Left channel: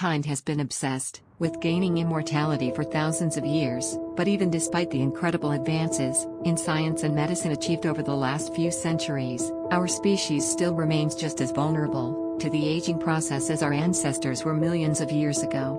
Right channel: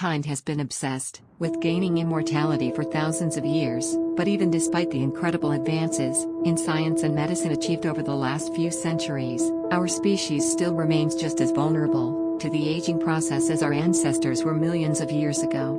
Mankind has been obsessed with gaining immortality for thousands of years, but even despite the incredible advances in science and medicine achieved over the last few centuries, our species still remains just as vulnerable to the aging process as our ancestors were millions of years ago.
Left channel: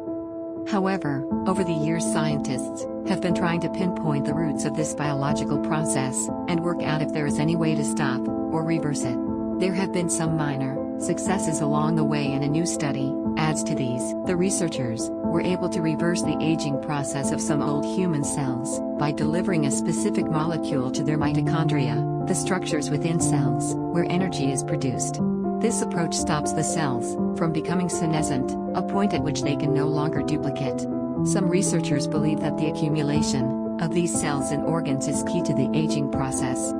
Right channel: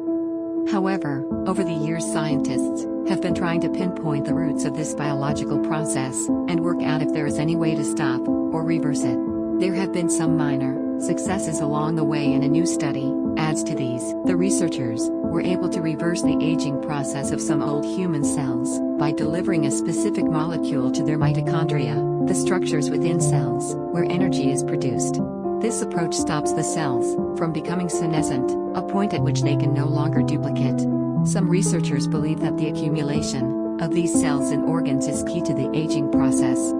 However, over the years scientists have been trying to pinpoint the roots of this biological process and work out if there is any way to stop or reverse it. There have been some minor successes along the way, and a new study adds to these. The researchers were able to reverse the aging process of some old human cells by delivering a specific molecule to their mitochondria, the structures within cells where energy is produced. This approach stops the cells from becoming senescent, a point at which they can no longer duplicate. Some researchers believe that the accumulation of these cells in organs is key to the aging process.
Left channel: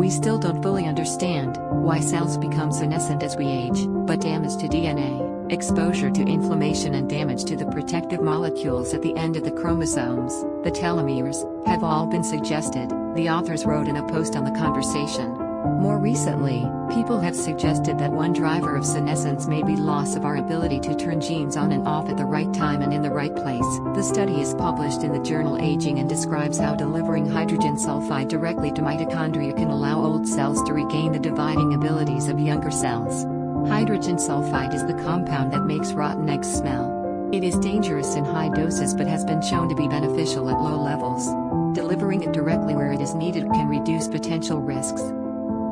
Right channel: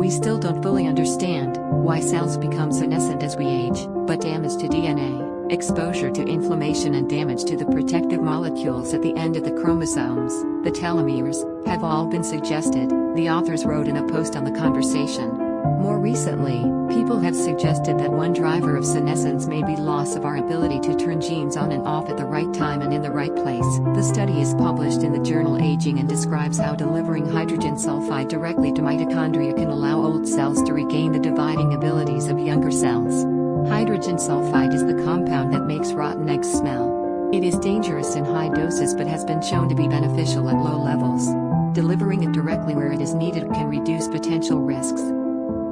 We still don't fully understand why cells become senescent as we age, but damage to DNA, exposure to inflammation, and damage to the protective molecules at the end of the chromosomes, the telomeres, have all been suggested, the authors wrote in a post on The Conversation. More recently, people have suggested that one driver of senescence may be loss of our ability to turn genes on and off at the right time and in the right place. The study is published in the journal Aging and describes how delivering hydrogen sulfide directly to mitochondria can allow old cells to regain the dividing abilities of younger cells. Hydrogen sulfide is the compound that makes rotten eggs smell. It is dangerous in high doses but has been shown to be beneficial at low levels. Delivering it directly where it is needed can reduce potential risks.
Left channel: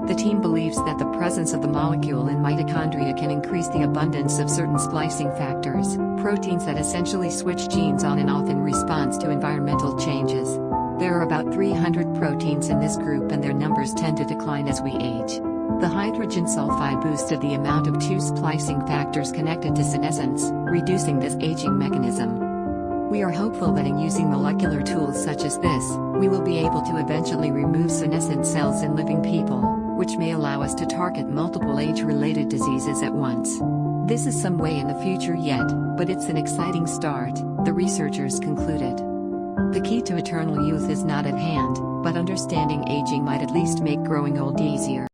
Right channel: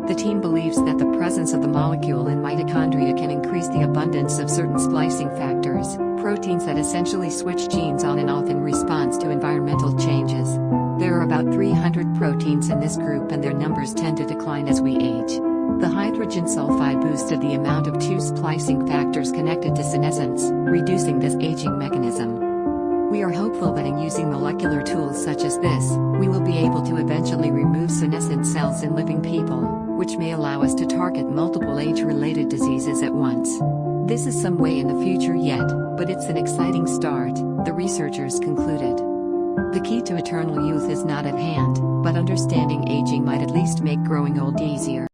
The team believes that the presence of the molecule in mitochondria can increase the abundance of certain splicing factors, proteins that essentially switch genes on and off in response to environmental changes. There are about 300 proteins in this group, and their numbers tend to decline as we age. The hydrogen sulfide boosted the amount of two splicing factors connected to senescence, reducing this aging mechanism. We are hopeful that in using molecular tools such as this, we will be able to eventually remove senescent cells in living people, which may allow us to target multiple age-related diseases at once. This is some way in the future yet, but it's an exciting start, the researchers concluded. The key to eternal youth is not at hand, but understanding aging might at least make growing old easier.